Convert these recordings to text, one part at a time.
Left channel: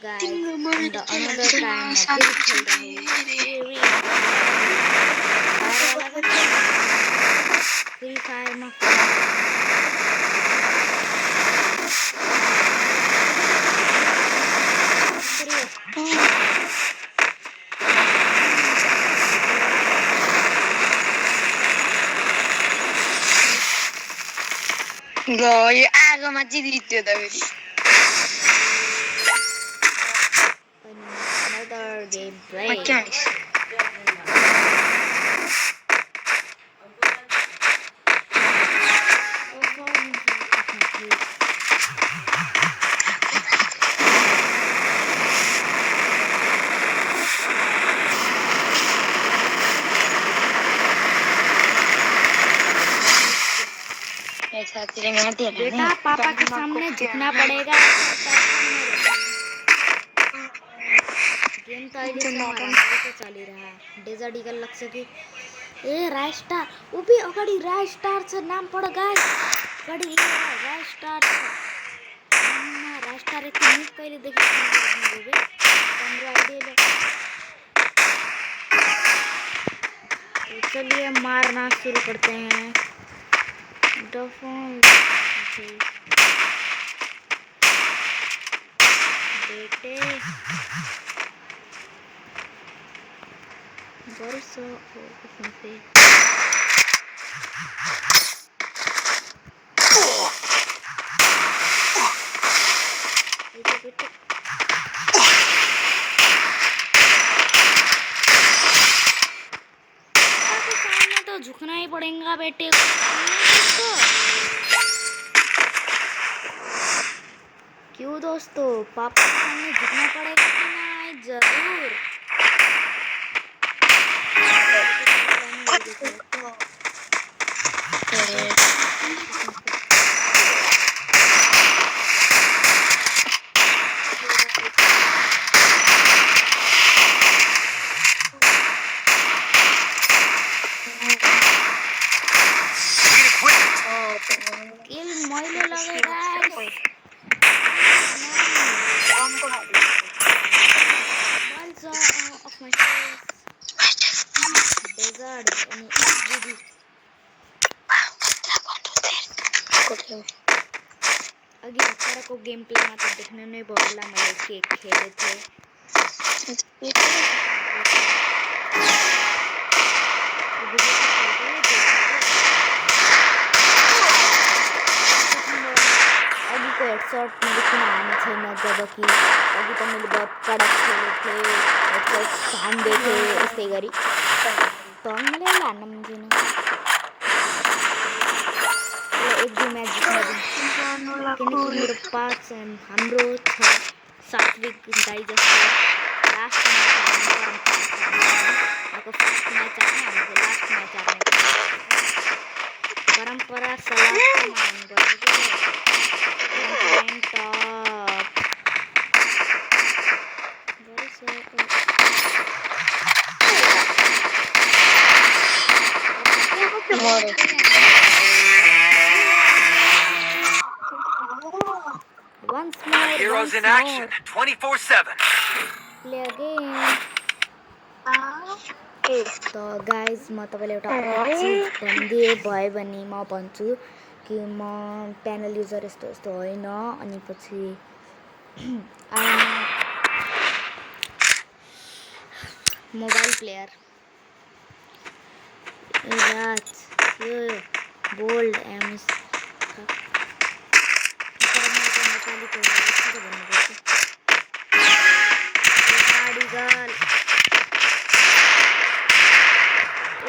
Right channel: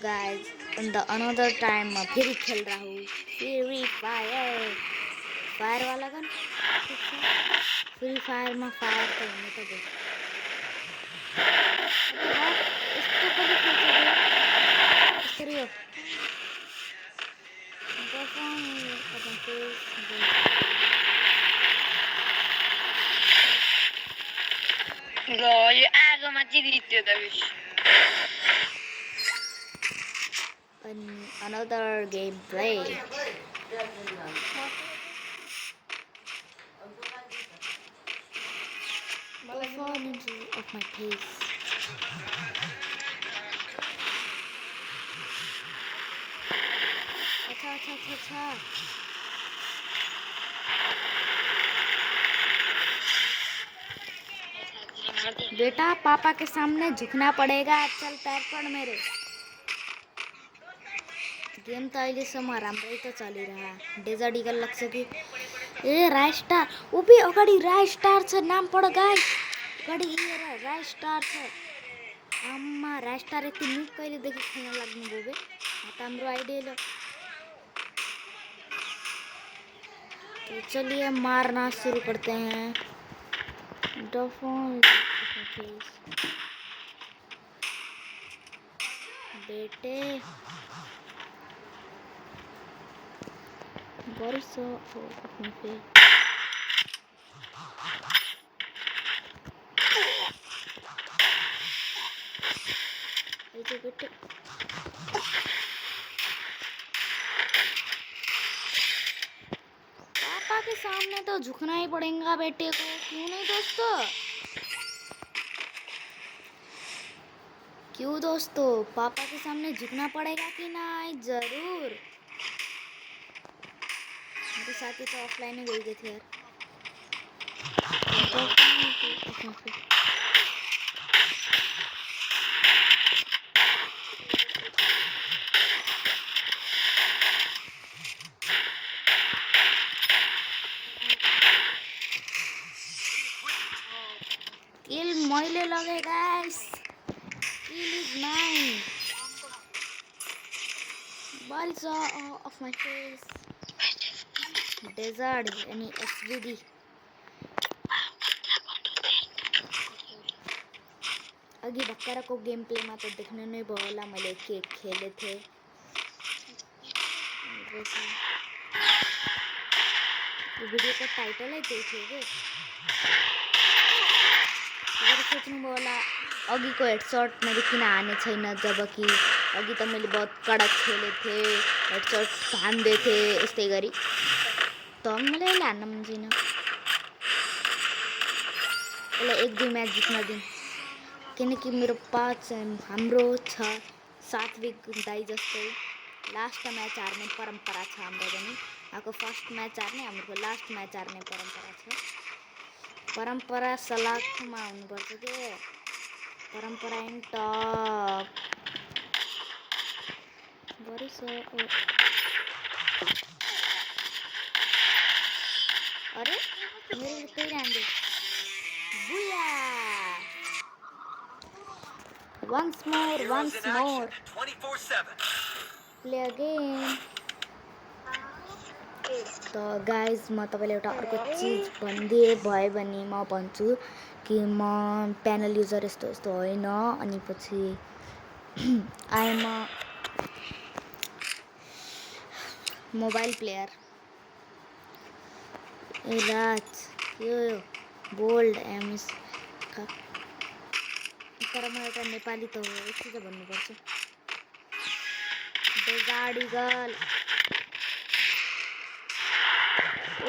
guys, in the another time फिर खेल रहा हूँ फ्री फायर वाला का फ्री फायर में ये आगोमा जित्यो त another gameplay. बेटा पापा के सामने झुकना पड़ेगा गेम तो अहिलेसम्म राम्रै त चलिरहा डेजर्ट इगल लाग्छ कि ए राय स्टार ऊ भी अगाडि राय स्टार छ नाम पढ गाइस अगाडि राय स्टार छ नाममा राय स्टार एक निक कहिले देखि खेल्नु बे राम्रो आइडिया तो चलिए मारना शुरू करते हैं डफोन बेटे बरिसो कसम से बेटे पापा के सामने तो झुकना ही पड़ेगा बेटे को दोस्तों क्यों दोस्तों पापा के सामने झुकना पड़ेगा कि नहीं जरूर मैले लगे guys balls of my face desert अनि SGD अघि भर्खरको गेम प्लेमा त देख्न नै भयो होला मैले के खेले थे भिडियोको टाइटलै देखेको अघि को हेडशॉट मैले किन हाने छैन जबकि अघि त मैले बहुत कड़क खेले थे हेडशॉट हान्दै थे यस्तै गरी त मलाई हान्न मन छैन मलाई एक दुई म्याच जित्न दिनु किनकि मेरो पाँच हाम्रो छ सात्विक दाइ जस्तो लास्ट म्याच हार्ने परम्परा छ हाम्रो फर्स्ट म्याच हार्ने हाम्रो लास्ट म्याच हार्ने परम्परा सलाहमा हुनुपर्छ के top what is it once more 24/7 play again तो गाइज म तपाईलाई एउटा अर्को चीज भन्दिए भयो भने म भन्छु कि म प्यानल युजर यस्तो यस्तो होइन अनि पछि आइएम मोबाइल प्लेयर राज यो बोल्ड एमएस तर म एउटा नेपाली त यस्तो त भन्नुपर्छ गाडी गर्ल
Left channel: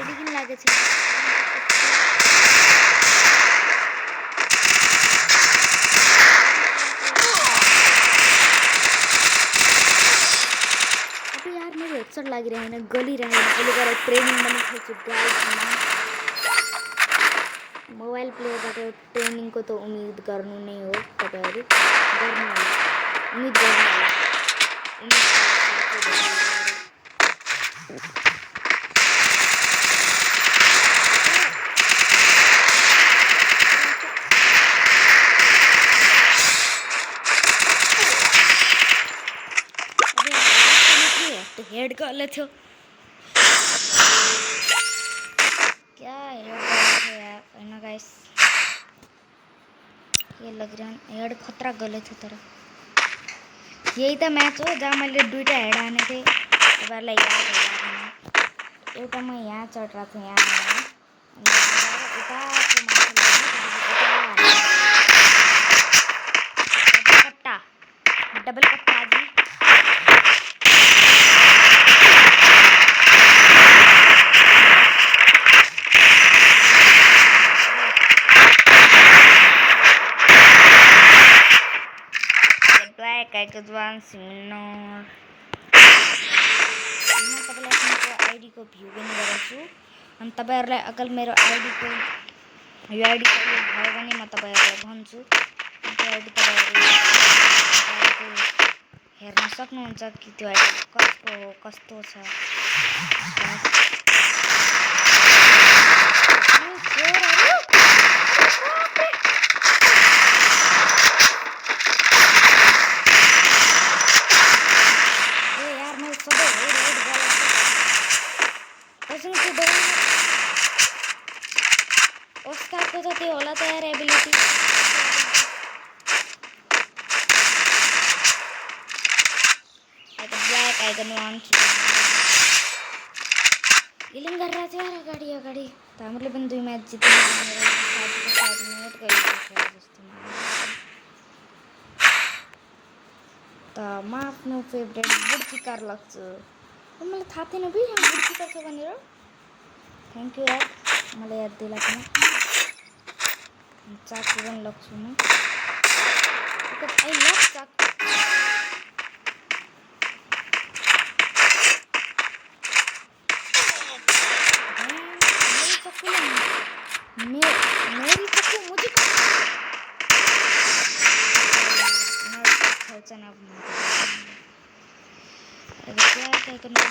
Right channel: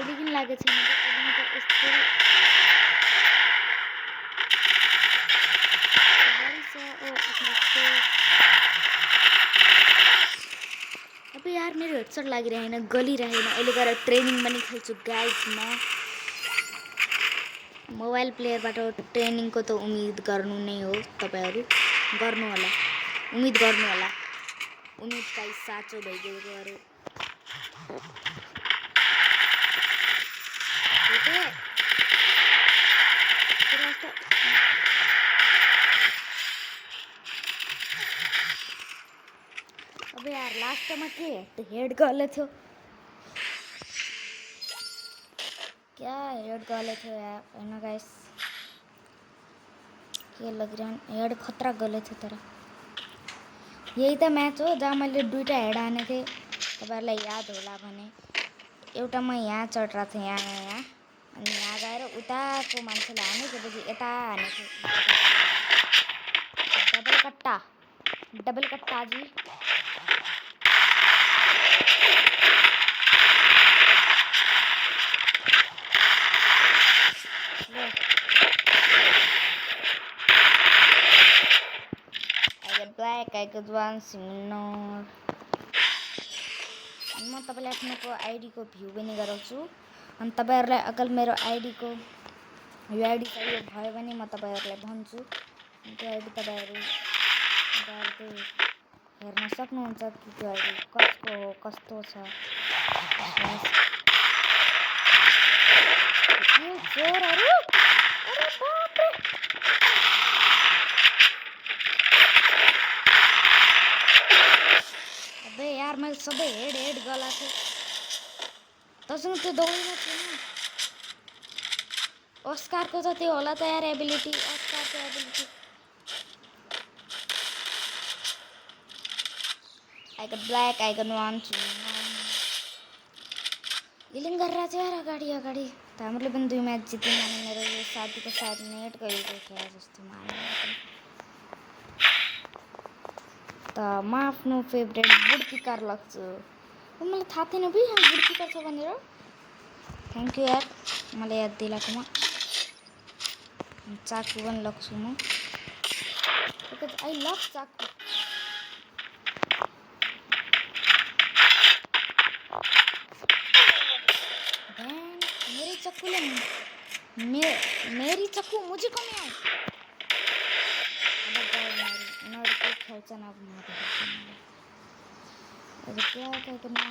एडी किन लागेछ यार मेरो हेडसेट लागिरहेन गलिरहेन अहिले गएर ट्रेनिङ पनि खेल्छु गाइजमा मोबाइल प्लेयरबाट ट्रेनिङको त उम्मिद गर्नु नै हो तपाईहरु गर्नु होला उम्मिद गर्नु होला उम्मिद साथै धेरै डाइरेक्ट हेड गले थियो क्या हेड गले थियो यार हैन गाइस के लगिरहन हेड खतरा गले थियो तर यही त म्याच हो जहाँ मैले दुईटा हेड हाने थिएँ तपाईँहरूलाई याद होला भने एउटा म यहाँ चढिरहेको थिएँ यहाँ अनि यहाँ गएर उताको मान्छेले हाने त्यसपछि यता हाने डबल कट्टा जी Black I could one similar म तपाईलाई आफ्नो आईडी को भ्यू पनि गराउँछु अनि तपाईहरुलाई अकल मेरो आईडी को यो आईडी चाहियो भयो भने म तपाईहरुलाई भन्छु त्यो आईडी तपाईहरु हेर्न सक्नुहुन्छ कि त्यो आईडी कसको हो कस्तो छ यो चोरहरु सबै हेड गलाको कसम त्यो दौड्न अस्कारको त त्यो होला त यार एबिलिटी आइकन ब्ल्याक आइकन 1 हिलिङ गरेर चाहिँ यार अगाडि अगाडि त हामीले पनि 2 म्याच जित्यौँ मेरो साथीको साथ मिनेट गएको छ जस्तो त म आफ्नो फेभरेट बुडकिकार लाग्छु मलाई थाहा थिएन बे यहाँ बुडकिकार छ भनेर थ्याङ्क यू यार मलाई याद दिलाएकोमा चाकु पनि लाग्छु म आई लभ चाकु मेरी चाकूले मेरी चाकू मुझे चना क्या क्या करना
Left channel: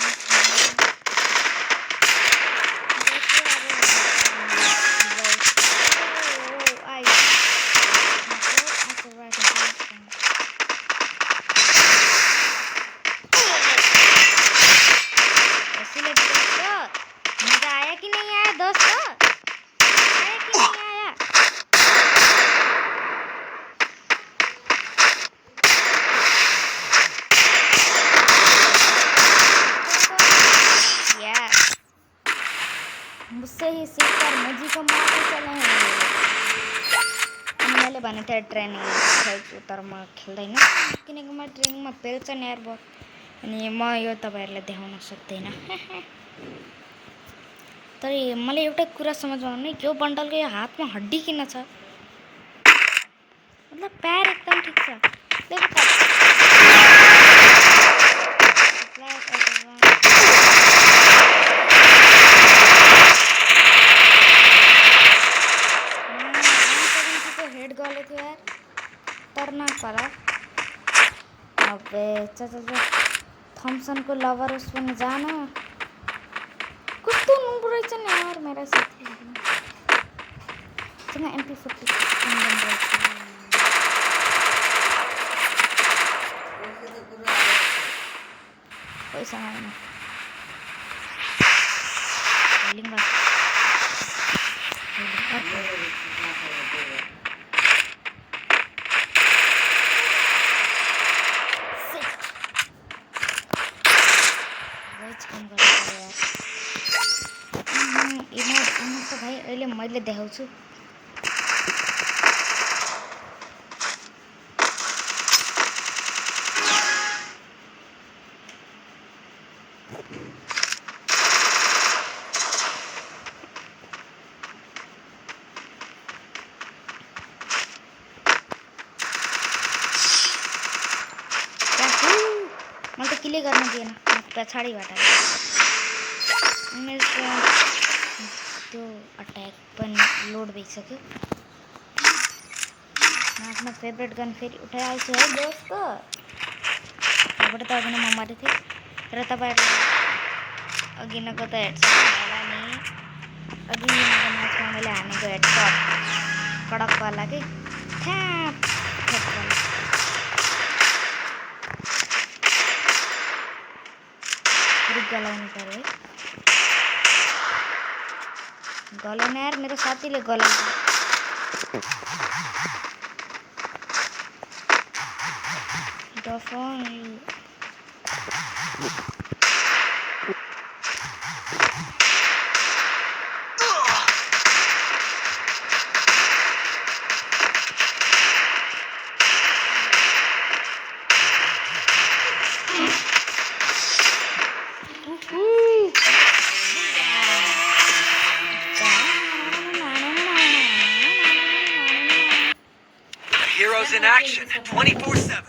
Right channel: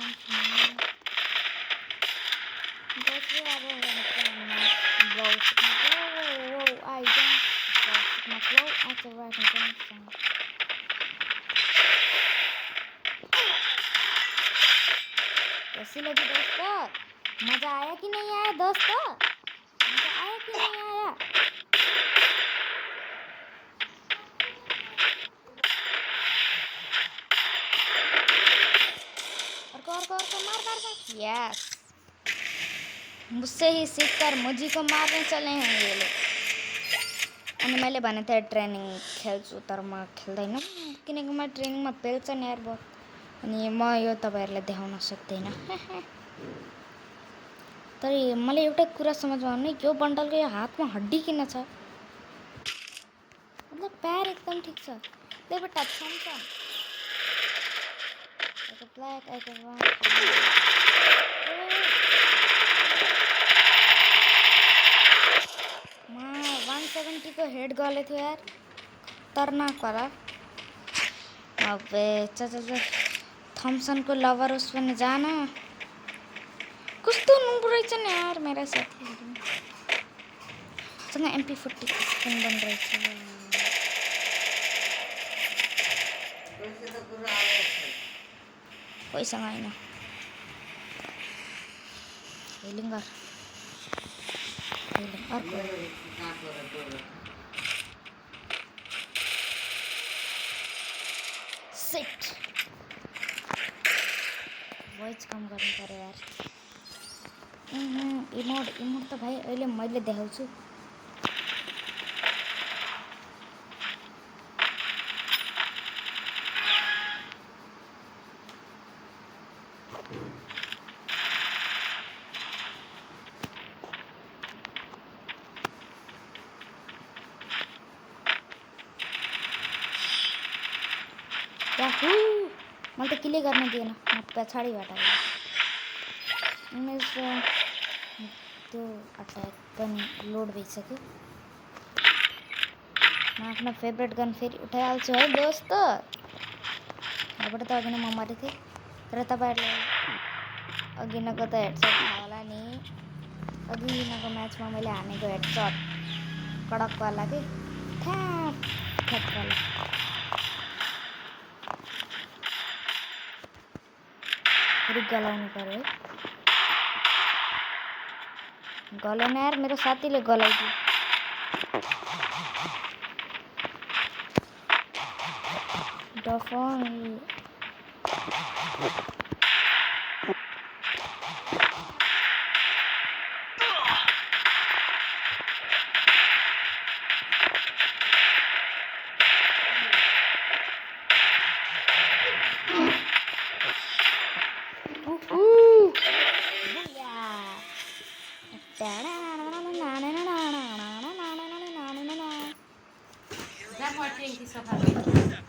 मजा आया कि नहीं आया दोस्त आया कि नहीं आया मुझसे ही सीखकर मुझी को मारने चले हैं ये लोग अनि मैले भने थिएँ ट्रेनिङ खेल्छु तर म खेल्दैन किनकि म ट्रेनिङमा पेल्छ नि यार बहुत अनि म यो तपाईहरुलाई देखाउन सक्दैन तर मलाई एउटा कुरा समझमा आउन यो बन्डलको यो हातमा हड्डी किन छ मतलब पैर एकदम ठीक छ देखो त हेड गले थियो यार खतरनाक वाला अबे चल थॉमसन को लवर उस पर जाना कुछ तो नूब रहेछ नि यार मेरा साथी सँग MP40 बन रहेछ पैसा हैन हेलिङ काम गर्नु पर्यो यार इमोट त भाइ अहिले मैले देखाउँछु मैले त क्लियर गर्न दिएन म पछाडिबाट मेरो त्यो अट्याक पनि लोड भइसक्यो म आफ्नो फेभरेट गन फेरि उठाइहाल्छु है दोस्त यहाँबाट त अघि नै म मरेको थिएँ र तपाईँहरूले अघिनको त हेडसट होला नि अघिनको म्याचमा मैले हानेको हेडसट कडकवाला के ठ्याप ठ्यापवाला फेरि गलाउनु पऱ्यो है गलेन यार मेरो साथीले गलाइदियो डफन Heroes in action 24/7.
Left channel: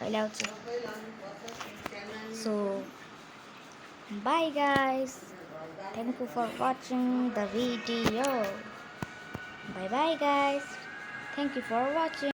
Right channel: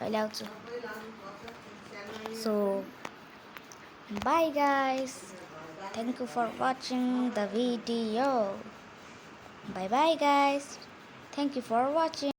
अहिले आउँछु so bye guys thank you for watching the video bye bye guys thank you for watching